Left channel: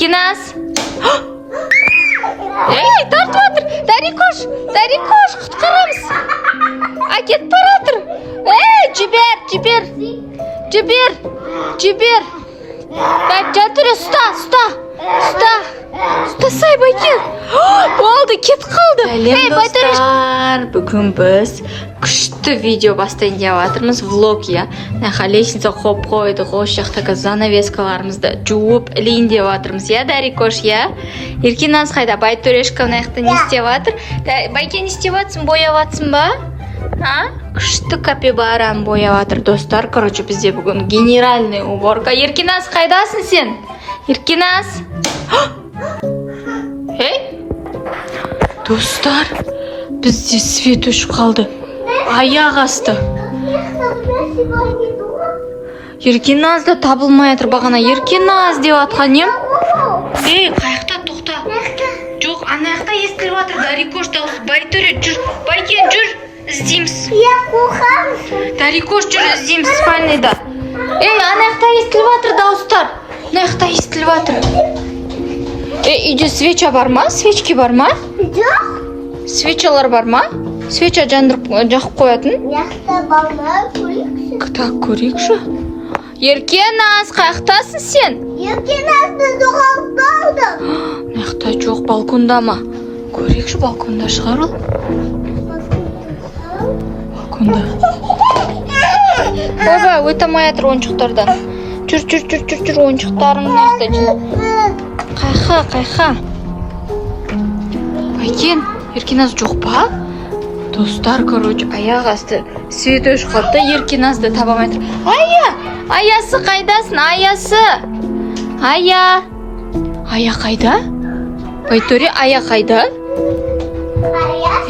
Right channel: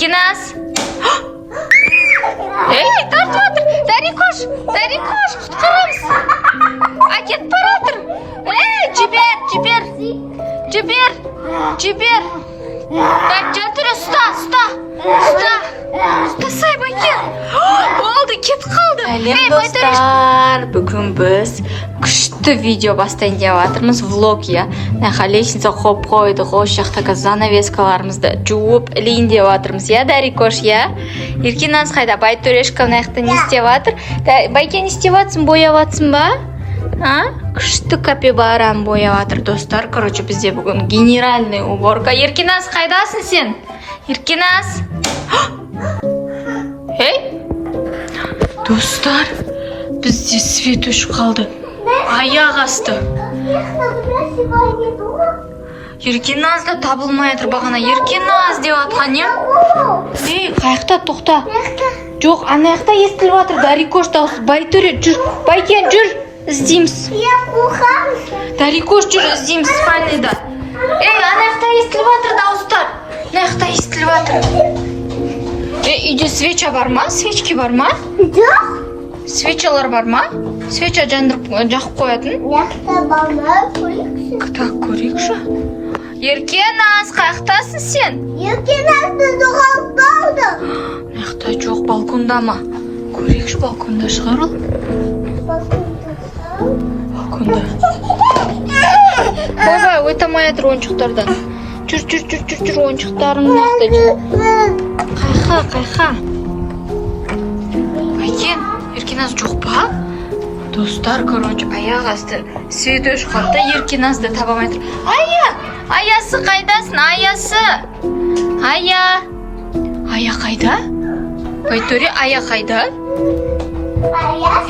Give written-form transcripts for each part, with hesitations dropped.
Еркеназ. Ей, тартып жатыр. Дарикош, құтқарамыз. Әкетіп баратыр. Ей, жібер. Так, жатыр, ұста. Ұстасай, Байкен. Болды, кетіп қалды. Сәлем достар, бүгін біз күшті видео бастайын деп жатырмыз, влог, я. Лестница қойып қойдық, осы жақтағы занавескаларымызды жуып ілейін деп жатырмыз, я, Дарикош, я. Еркеназ қайда, Байтөрешка мынақты не істеп жатыр? Байкен, не істеп жатсың, бояп жатсың ба? Күшті капибараны бояп жатыр, достар. Короче, бізде бүгін генеральный уборка. Еркеназ, қайдасың сен? Еркеназ? Ей? Достар, бізде свет өшіп қалды. Аяқ асты. Еркеназ да табылмай жатыр бағана. Еркеназ деп атқан ем. Ей, қаяқта, тоқта. Жоқ, ана жақта естіліп жатыр. Дарикош дауысы. Байтөре, жүр. Байкен, жүр. Іздейміз. Дарикош, жүр, іздейміз спальныйда. Ей, ана жақта естіліп жатыр дауыстар. Ана жақта естіліп жатыр. Үйде свеча бар ма? Свечки бар ма? Жоқ. Свечалар бар ма? Свеча жандырып жақып қоятын? Жақта бар ма? Көрейікші. Так, көрейікші. Еркеназ, қаяқтасың сен? Еркеназды жоғалып қалды. Мақта жоқ, балконда ма? Көрейікші, балконда шығар ол. Балконда. Баба, өте алмай жатыр ойыншықтардан. Жүр, ойыншықтарың нақты жүр. Қайқа. Байкен, Еркеназ жоқ па? Достар, короче, аяқ асты свет өшіп қалды, Еркеназды таба алмай жатыр. Аясы қайдасың, аясы? Ая қайда? Байтөре, ая қайда?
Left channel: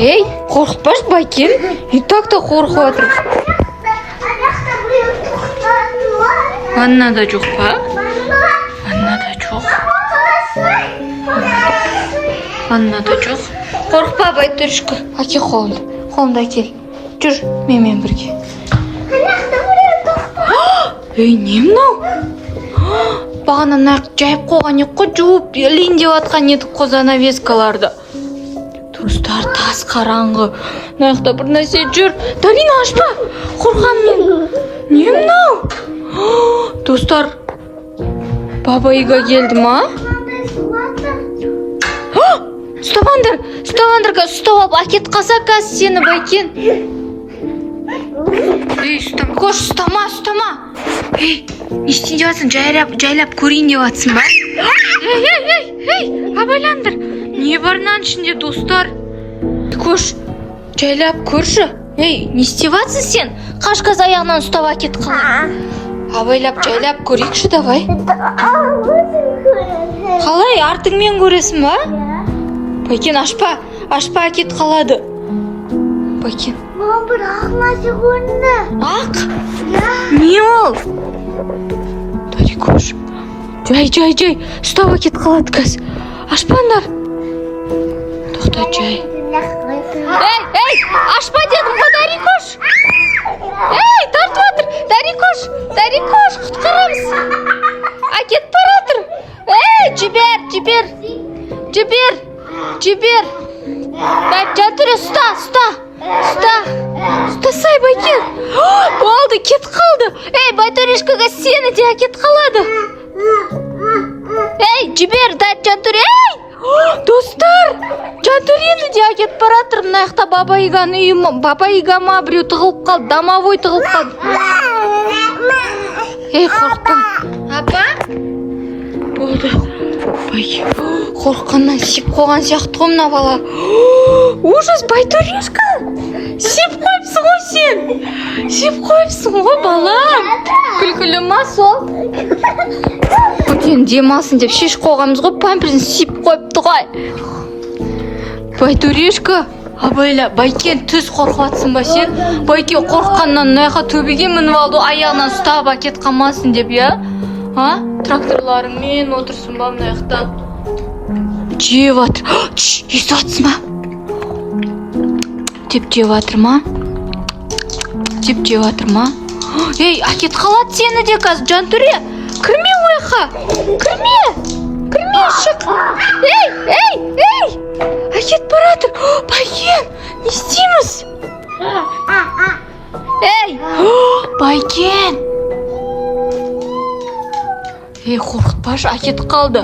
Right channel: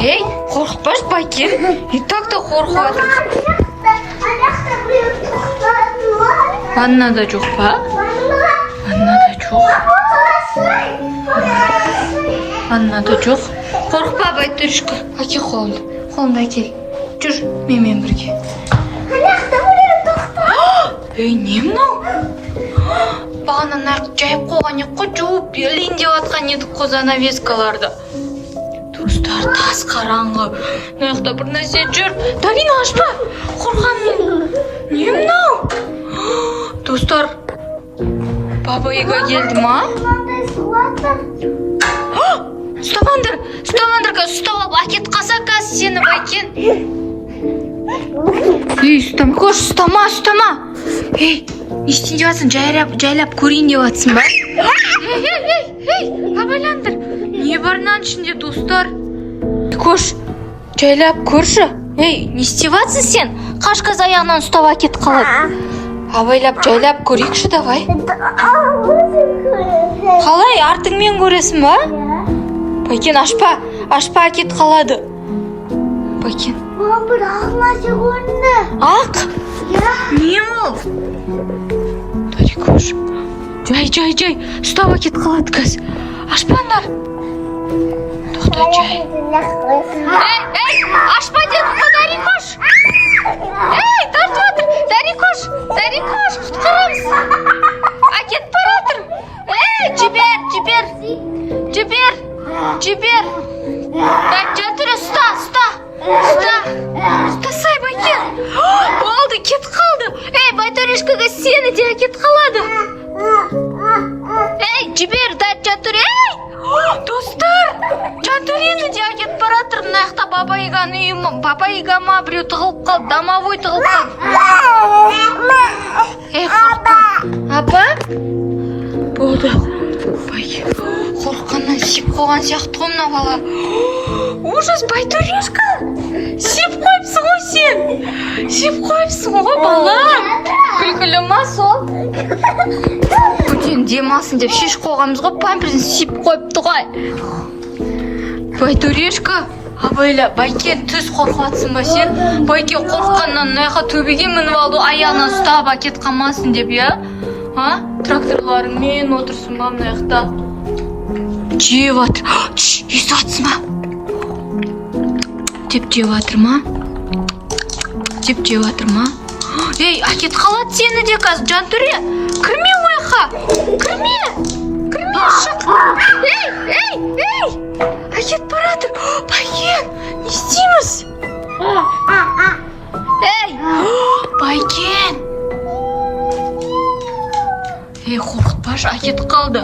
Ей, қорқытпаш, Байкен. И так-то қорқып жатыр. Ваннада жоқ па? Ваннада жоқ. Қорқпа, Байтөрешка. Әке қолымды әкел. Жүр, менімен бірге. Ей, не мынау? Бағана нақ жайып қойған ек қой, жуып елейін деп атқан едік қой занавескаларды. Достар, тас қараңғы. Нақта бір нәрсе жүр. Давин, ашпа. Қорқамын. Не мынау? Достар, баба Ига келді ма? Ұстағандар, ұстап әкет қаса қазы сені, Байкен. Ей, ұстама. Ей, не істейін деп жатсың? Жайлап көрейін деп жатсың ба? Ей, абайландыр. Не бар мынаның ішінде, достар? Кош, жайлап көрші. Ей, не істеп жатсың сен? Қашқаз аяғынан ұстап әкет қалады. Абайлап, жайлап көрейікші, давай. Қалай, артыңмен көресің ба? Байкен, ашпа әкет қалады. Байкен. Мам, бір ақ нәрсе көрінді. Ақ? Не ол? Дарикош. Жай. Ұстап әкет қалады кәз. Ашпаңдар. Тоқта, жай. Ей, ашпа дедім ба, Дарикош? Ей, тартып жатыр. Дарикош, құтқарамыз. Әкет баратыр. Ей, жібер. Так, жатыр, ұста. Ұстасай, Байкен. Болды, кетіп қалды. Ей, Байтөрешкаға сені де әкет қалады. Ей, жібер, жатыр. Ей, достар, жатыр енді де әкет баратыр. Мына жақта Баба Иганың үйі, Баба Ига ма біреу тығылып қалды, домовой тығылып қалды. Ей, қорықпа. Апа? Болды. Байкен, қорыққаннан сеп қойған сияқты ғой мына бала. Ужас, Байтөрешка. Сеп қойыпсың ғой сен. Сеп қойыпсың ғой, бала. Күлкілі ма сол? Байкен, демалсын деп шеш қойғанбыз ғой, памперсін сеп қойыпты ғой. Байтөрешка. Абайла, Байкен, түз қорқатсың ба сен? Байкен қорққаннан мына төбеге мініп алды, аяғынан ұстап әкет қалмасын деп, я? Тракторларымен отырсын ба мына жақта? Жеп жатыр. Естіп жатсың ба? Деп жеп жатыр ма? Ей, әкет қалады сені де қазір, Жантөре. Кірме ойға. Кірме шық. Ей. Әкет баратыр. Байкен, не істейміз? Ей, Байкен. Ей, қорқытпашы, әкетіп қалды.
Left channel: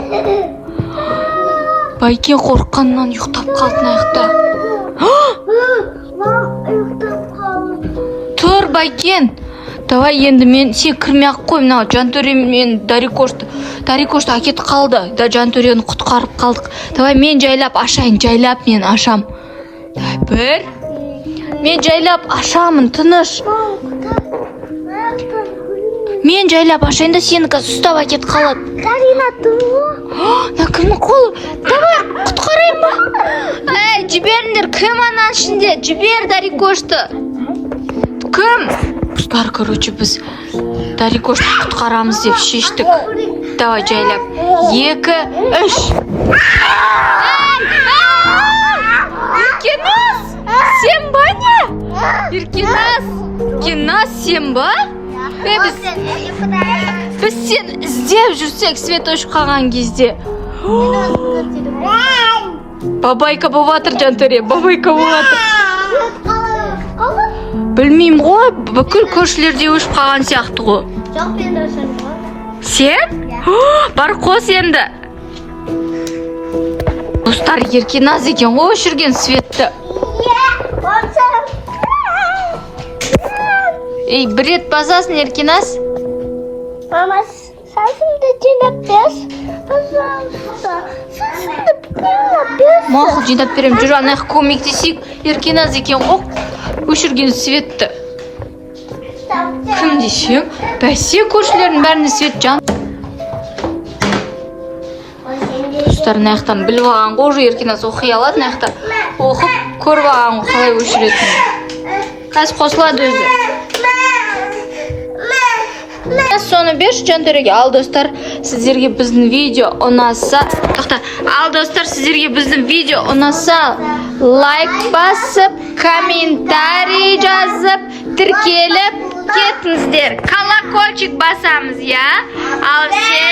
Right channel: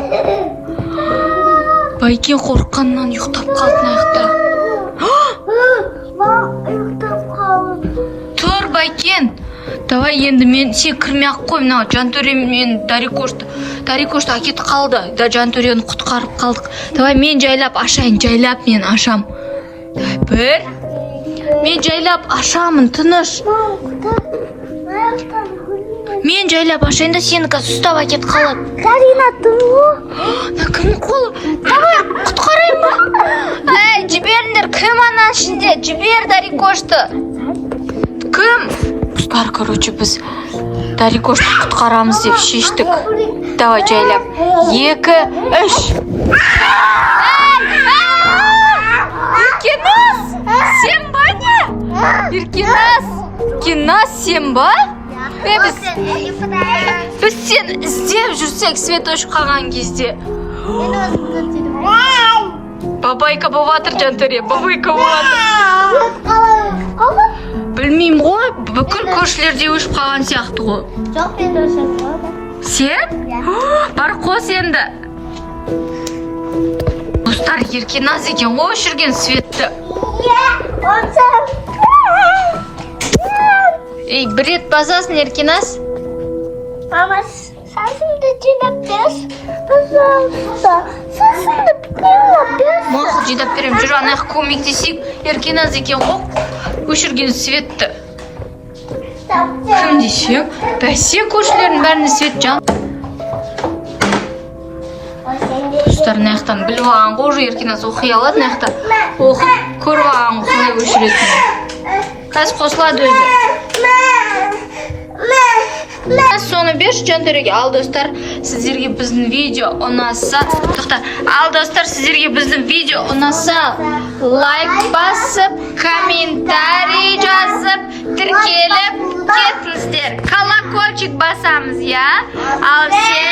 Байкен қорыққаннан ұйықтап қалды аяқта. Тұр, Байкен. Давай енді мен сен кірмей-ақ қой, мынау Жантөре мен Дарикошты әкетіп қалды. Жантөрені құтқарып қалдық. Давай мен жайлап ашайын, мен ашам. Бір. Мен жайлап ашамын, тыныш. Мен жайлап ашайын да сені қазір ұстап әкетіп қалады. Карина, тұру. Кірме қолы. Давай, құтқарайын ба? Әй, жіберіңдер, кім ана ішінде? Жібер Дарикошты. Кім? Қыздар, короче, біз Дарикошты құтқарамыз деп шештік. Давай жайлап. 2, 3. Еркеназ! Сен ба не? Еркеназ, сен ба? Біз сен іздеп жүрсек, свет өшіп қалған кезде. Бабайка болатыр, Жантөре, бабайка болатыр. Білмеймін ғой, бүкіл көршілерде өшіп қалған сияқты ғой. Жоқ, мен өшіп қалды. Сен? Бар қос енді. Достар, Еркеназ екен ғой өшірген светті. Ей, бір рет базасын, Еркеназ. Мама, сасымды жинап берші. Пожалуйста, сасымды жинап берші. Мақұл, жинап берем, жүр анаяқ көмектесейік. Еркеназ екен ғой өшірген светті. Кім десе? Бәсе көршілердің бәріне свет жан. Достар, наяқтан біліп алған ғой, уже Еркеназ оқи алады, наяқтан оқып көріп алған ғой қалай өшіретін. Қазір қосылады өзі. Соны берші Жантөреге. Ал достар, сіздерге біздің видео ұнаса, лайк басып, комментарий жазып, тіркеліп кетіңіздер. Колокольчик басамыз, я? Ал сен